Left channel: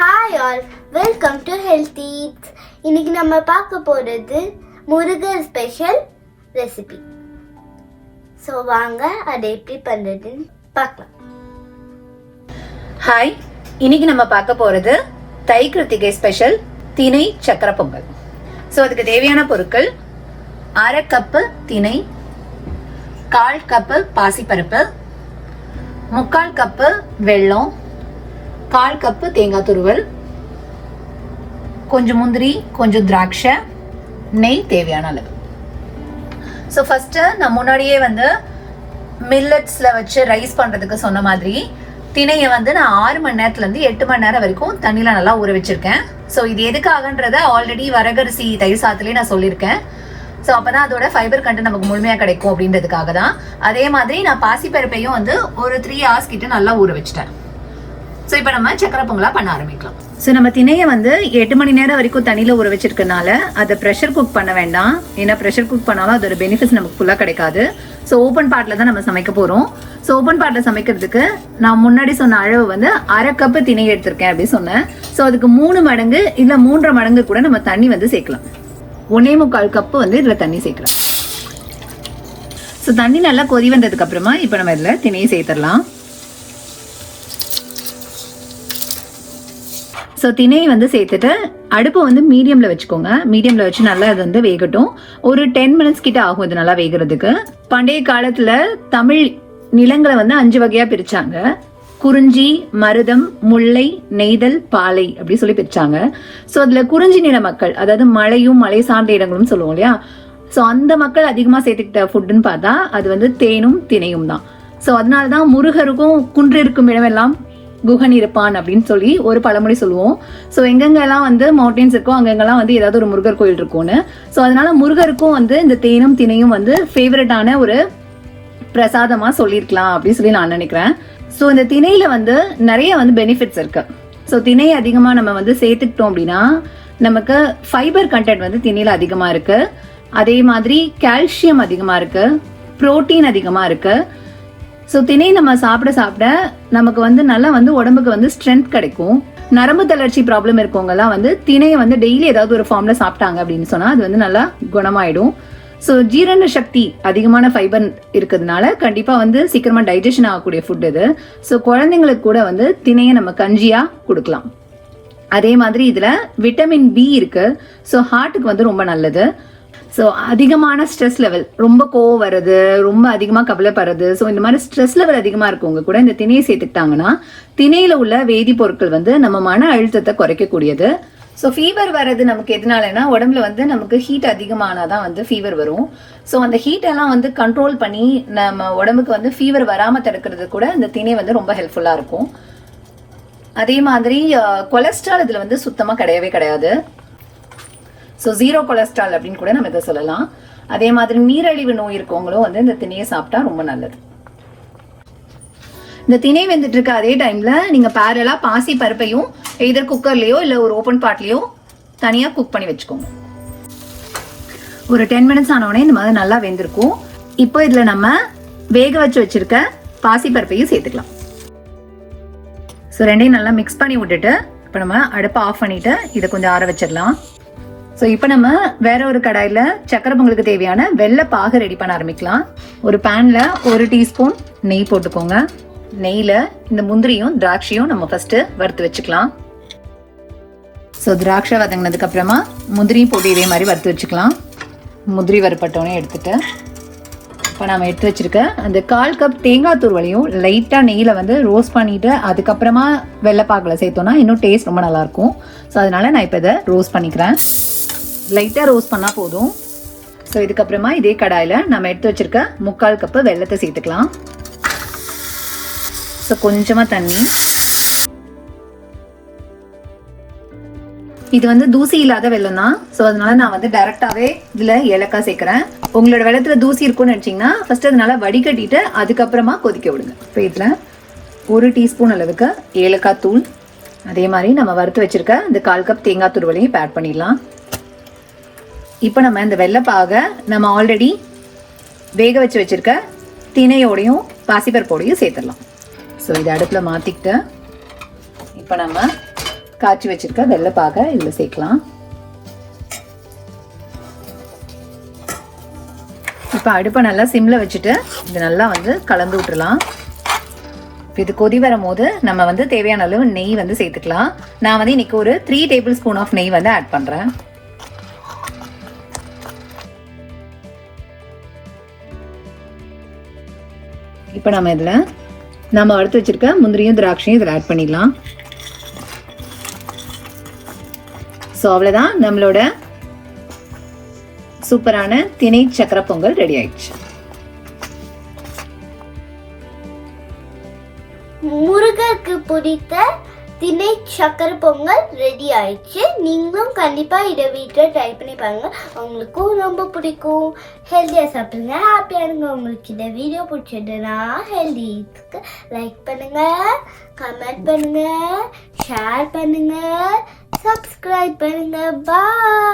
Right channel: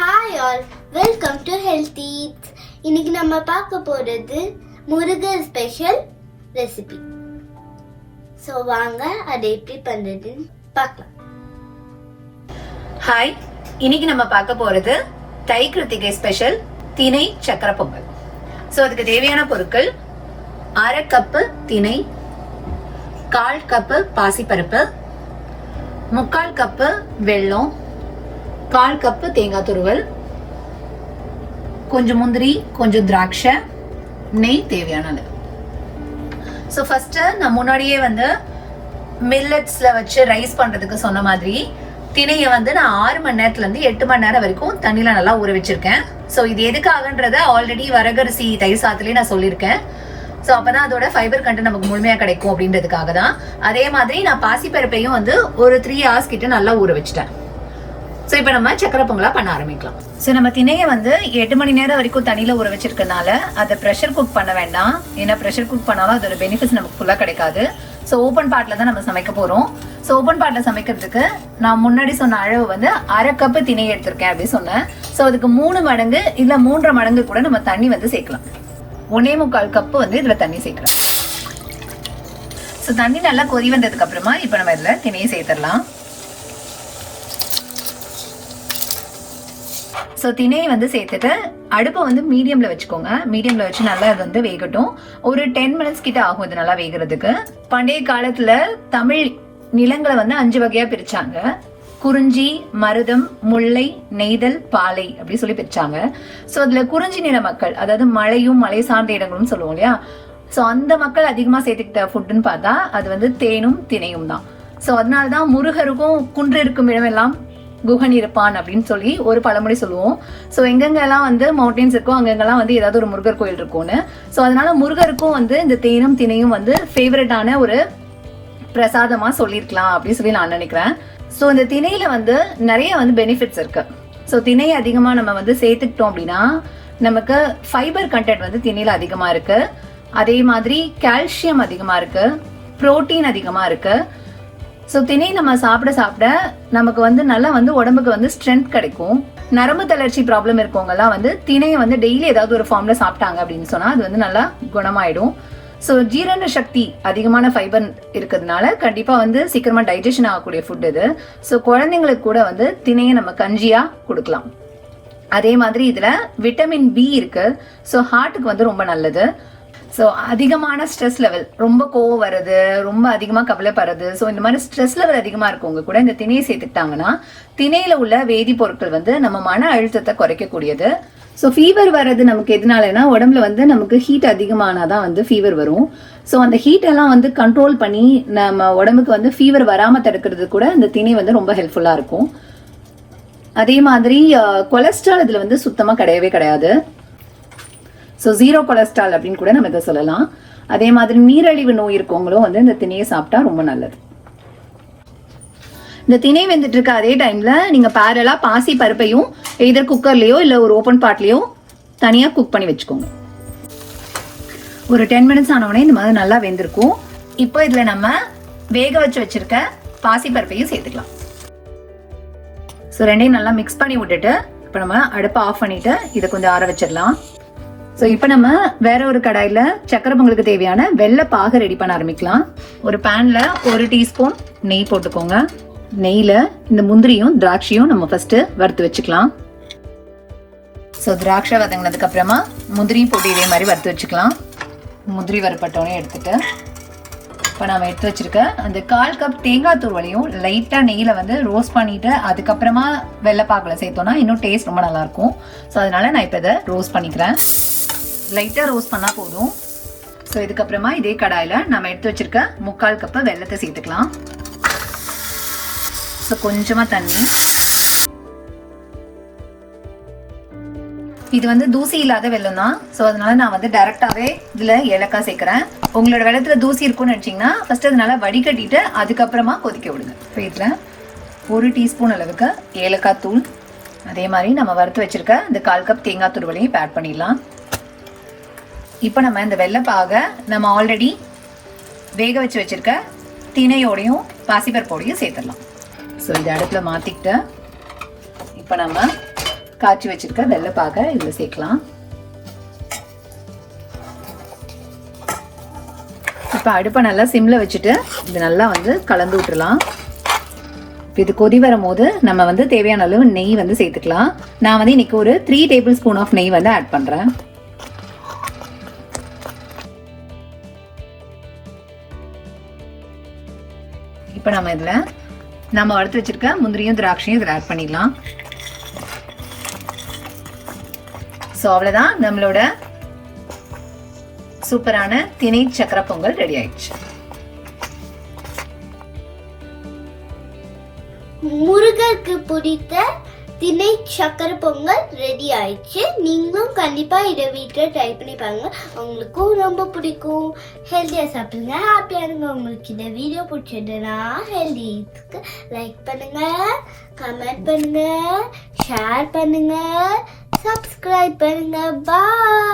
Hi all, welcome to Healthy Eats. இன்னைக்கு நம்ம பார்க்க போறது முருகர் ஸ்பெஷல் ரெசிபி. சோ வாங்க அதை எப்படி பண்றதுன்னு பார்க்கலாம். ஹாய், இன்னைக்கு நம்ம பார்க்க போறது தை கிருத்திகை ஸ்பெஷல் திணை சக்கரை பொங்கல். ஸோ அதுக்கு தேவையான பொருட்கள் 1/2 கப்பு திணை, 1/4 கப்பு பாசிப்பருப்பு, 3/4 கப்பு வெல்லம், 1/4 கப்பு தேங்காய் துருவல், கொஞ்சம் முந்திரி, கொஞ்சம் திராட்சை, நெய் தேவையான அளவு. ஸோ ஃபர்ஸ்ட் நான் முன்னாடியே மில்லட்ஸ்ல வச்சு ரைஸ் பண்றதுக்கு சொன்ன மாதிரி திணையை நான் 6 மணி நேரத்துல இருந்து 8 மணி நேரம் வரைக்கும் தண்ணியில நல்லா ஊற வச்சிருக்கேன். ஸோ இது எதுக்காகன்றத ஆல்ரெடி வரகரிசி தயிர் சாதத்திலேயே நான் சொல்லியிருக்கேன். ஸோ அப்பதான் அதோட ஃபைபர் கண்டென்ட் நமக்கு முழுமையா கிடைக்கும் அப்படின்றதுக்காக தான். அதே மாதிரி நான் பாசிப்பருப்பையும் ஒரு 3 hours கிட்ட நல்லா ஊற வச்சுட்டேன். ஸோ இப்போ நம்ம சக்கரை பொங்கலா பண்ண ஆரம்பிக்கலாம். ஸோ நம்ம திணையை 8 மணி நேரம் வரைக்கும் தண்ணியில ஊற வச்சிருக்கனால அதை ப்ரெஷர் குக் பண்ண வேண்டாம். ஏன்னா ப்ரெஷர் குக் பண்ணாலும் அதோட பெனிஃபிட்ஸ் நமக்கு ஃபுல்லா கிடைக்காது. ஸோ ஓப்பன் பாட்ல தான் நம்ம சமைக்க போறோம். ஸோ ஓப்பன் பாட்ல சமைக்கிறதுக்கு நான் முன்னாடி சொன்ன அளவு 1/2 கப்பு திணை எடுத்திருக்கேன் அப்படின்னு சொன்னேன். ஸோ அதுக்கு 3 மடங்கு இல்ல 3.5 மடங்கு கூட நம்ம தண்ணி சேர்க்கலாம். 1.25 கப்பு இதுல தண்ணி சேர்க்கிறேன். ஸோ தண்ணி நல்லா கொதி வந்ததுக்கு அப்புறமா இப்போ நம்ம இதுல திணையை சேர்த்துடலாம். ஸோ திணையை சேர்த்துட்டு அடுப்பு மீடியம்ல வச்சுக்கோங்க. மீடியம்ல வச்சு நல்லா அது வேகட்டும். ஒரு 10 மினிட்ஸ் கிட்ட ஆகும் இது நல்லா வேகிறதுக்கு. பண்டைய காலத்துல தமிழ் நிலங்களை 5 வகையா பிரிச்சாங்க. குறிஞ்சி, மருதம், முல்லை, நெய்தல், பாலை அப்படி சொல்லி பிரிச்சாங்க. ஸோ அதுல குறிஞ்சி நில மக்கள், அதாவது மலையும் மலை சார்ந்த இடங்களும் சொல்லுவோம் இல்லையா. ஸோ அந்த மக்கள் அதிகமா சேர்த்துக்கிட்ட ஃபுட்டுன்னு பார்த்தா அது தேனும் திணையும் தான். ஸோ அதனாலதான் முருகருக்கும் குன்று இருக்கும் இடமெல்லாம் குகன் இருப்பான் அப்படின்னு சொல்லி ஒரு பழமொழி சொல்லுவோம். ஸோ எங்கெங்கெல்லாம் மவுண்டன்ஸ் இருக்கோ அங்கெங்கெல்லாம் ஏதாவது ஒரு முருகர் கோயில் இருக்கும்னு. ஸோ அதனால முருகருக்கும் இந்த தேனும் திணையும் ஃபேவரட்டான ஒரு பிரசாதமா சொல்லியிருக்கலாம் அப்படின்னு சொல்லி நான் நினைக்கிறேன். ஸோ இந்த திணையில நிறைய பெனிஃபிட்ஸ் இருக்கு. ஸோ திணை அதிகமா நம்ம சேர்த்துக்கிட்டோம் அப்படின்னா நமக்கு ஃபைபர் கண்டென்ட் திணையில அதிகமா இருக்கு. அதே மாதிரி கால்சியம் அதிகமா இருக்கு, புரோட்டீன் அதிகமா இருக்கு. ஸோ திணை நம்ம சாப்பிட சாப்பிட நமக்கு நல்லா உடம்புக்கு ஸ்ட்ரென்த் கிடைக்கும். நரம்பு தளர்ச்சி ப்ராப்ளம் இருக்கவங்க எல்லாம் திணையை டெய்லி ஏதாவது ஒரு ஃபார்ம்ல சாப்பிட்டாங்க அப்படின்னு சொன்னா அது நல்லா குணமாயிடும். ஸோ ஜீரண சக்தி அதிகமான ஃபைபர் இருக்கிறதுனால கண்டிப்பா சீக்கிரமா டைஜஷன் ஆகக்கூடிய ஃபுட் இது. ஸோ குழந்தைங்களுக்கு கூட திணையை நம்ம கஞ்சியா கொடுக்கலாம். அதே மாதிரி இதுல விட்டமின் பி இருக்கு. ஸோ ஹார்ட்டுக்கு ரொம்ப நல்லது. ஸோ அதிகமான ஸ்ட்ரெஸ் லெவல், ரொம்ப கோவம் வருது, ரொம்ப அதிகமா கவலைப்படுறது, ஸோ இந்த மாதிரி ஸ்ட்ரெஸ் லெவல் அதிகமா இருக்கவங்க கூட இந்த திணையை சேர்த்துக்கிட்டாங்கன்னா திணையில உள்ள வேதிப்பொருட்கள் நம்ம மன அழுத்தத்தை குறைக்கக்கூடியது. ஸோ ஃபீவர் வர்றது நமக்கு எதனாலனா உடம்புல நமக்கு ஹீட் அதிகமானாதான் ஃபீவர் வரும். ஸோ அந்த ஹீட் எல்லாம் கண்ட்ரோல் பண்ணி நம்ம உடம்புக்கு ஃபீவர் வராம தடுக்கிறது கூட இந்த திணை ரொம்ப ஹெல்ப்ஃபுல்லா இருக்கும். அதே மாதிரி கொலஸ்ட்ரால் இதுல சுத்தமா கிடையவே கிடையாது. ஸோ 0 கொலஸ்ட்ரால் அப்படின்னு கூட நம்ம இதை சொல்லலாம். அதே மாதிரி நீரிழிவு நோய் இருக்கவங்களும் இந்த திணையை சாப்பிட்டா ரொம்ப நல்லது. இந்த திணை வெந்துட்டு இருக்க அதே டைம்ல நீங்க பேரலா பாசி பருப்பையும் எதர் குக்கர்லயோ இல்ல ஒரு ஓப்பன் பாட்லயோ தனியா குக் பண்ணி வச்சுக்கோங்க. ஒரு 10 மினிட்ஸ் ஆனவுடனே இந்த மாதிரி நல்லா வெந்திருக்கும். இப்போ இதுல நம்ம வேக வச்சு வச்சிருக்க பாசி பருப்பையும் சேர்த்துக்கலாம். ஸோ ரெண்டையும் நல்லா மிக்ஸ் பண்ணி விட்டுட்டு இப்போ நம்ம அடுப்பை ஆஃப் பண்ணிட்டு இதை கொஞ்சம் ஆற வச்சிடலாம். ஸோ இப்போ நம்ம வேற ஒரு கடாயில சக்கரை பொங்கலுக்கு தேவையான வெள்ளை பாகு ரெடி பண்ண ஆரம்பிக்கலாம். ஒரு பேன்ல 1 டீஸ்பூன் நெய் போட்டுக்கோங்க. நெய்ல இந்த முந்திரியும் திராட்சையும் நம்ம ஃபர்ஸ்ட் வறுத்து வச்சுக்கலாம். ஸோ திராட்சை வதங்கினதுக்கு அப்புறமா முந்திரியும் போட்டு இதே மாதிரி வறுத்து வச்சுக்கலாம். முந்திரி வறுப்பட்டோடனே எடுத்துட்டு இப்போ நம்ம எடுத்து வச்சிருக்க அந்த 1/4 கப் தேங்காய் துருவலையும் லைட்டா நெய்யில ரோஸ்ட் பண்ணிட்டு அதுக்கப்புறமா வெள்ளைப்பாக்குல சேர்த்தோம்னா இன்னும் டேஸ்ட் ரொம்ப நல்லா இருக்கும். ஸோ அதனால நான் இப்போ இதை ரோஸ்ட் பண்ணிக்கிறேன். லைட்டா ரோஸ்ட் பண்ணா போதும். ஸோ இதுக்கப்புறமா இதே கடாயில நம்ம எடுத்து வச்சிருக்க 3/4 கப்பு வெள்ளத்தை சேர்த்துக்கலாம். ஸோ கொஞ்சமா தண்ணி. இது தூசி இல்லாத வெல்லம் தான். ஸோ அதனால நான் டைரக்டாவே இதுல ஏலக்காய் சேர்க்கிறேன். உங்களோட வெள்ளத்துல தூசி இருக்குன்னு நினைச்சீங்கன்னா ஃபர்ஸ்ட் அதனால வடிகட்டிட்டு அதுக்கப்புறமா கொதிக்க விடுங்க. இப்போ இதுல 1 டீஸ்பூன் அளவுக்கு ஏலக்காய் தூள், அதே மாதிரி நம்ம வறுத்து வச்சிருக்க இந்த 1/4 கப் தேங்காய் துருவலையும் ஆட் பண்ணிடலாம். இப்போ நம்ம இந்த வெள்ளைப்பாக நம்ம ஆல்ரெடி வேக வச்சு வச்சிருக்க திணையோடையும் பாசிப்பருப்போடையும் சேர்த்துடலாம். ஸோ இதை அடுப்புல மாத்திக்கிட்டு இப்போ நம்ம காய்ச்சி வச்சிருக்க வெள்ளைப்பாக இதுல சேர்க்கலாம். இப்ப அடுப்பை நல்லா சிம்ல வச்சுட்டு இது நல்லா வந்து கலந்து விட்டுறலாம். இது கொதி வரும்போது நம்ம வந்து தேவையான அளவு நெய் வந்து சேர்த்துக்கலாம். நான் வந்து இன்னைக்கு ஒரு 3 டேபிள் ஸ்பூன் ஆஃப் நெய் வந்து ஆட் பண்றேன். இப்ப நம்ம இதுல நம்ம வறுத்து வச்சிருக்க முந்திரியும் திராட்சையும் இதில் ஆட் பண்ணிடலாம். ஸோ அவ்வளோதான், நம்மளோட சூப்பரான திணை சக்கரை பொங்கல் ரெடி ஆயிடுச்சு. முருகருக்கு பிடித்த திணை சக்கரை பொங்கல் ரெடி ஆயிடுச்சு. நீங்களும் கண்டிப்பா இதை வீட்டில் ட்ரை பண்ணி பாருங்க, உங்களுக்கும் ரொம்ப பிடிக்கும். ஹெல்த்தியா சாப்பிடுங்க, ஹாப்பியா இருங்க. உங்களுக்கு இந்த வீடியோ பிடிச்சதுன்னா ஹெல்த்திக்கு லைக் பண்ணுங்க, கமெண்ட் பண்ணுங்க, ஷேர் பண்ணுங்க, சப்ஸ்கிரைப் பண்ணுங்க. பாய்.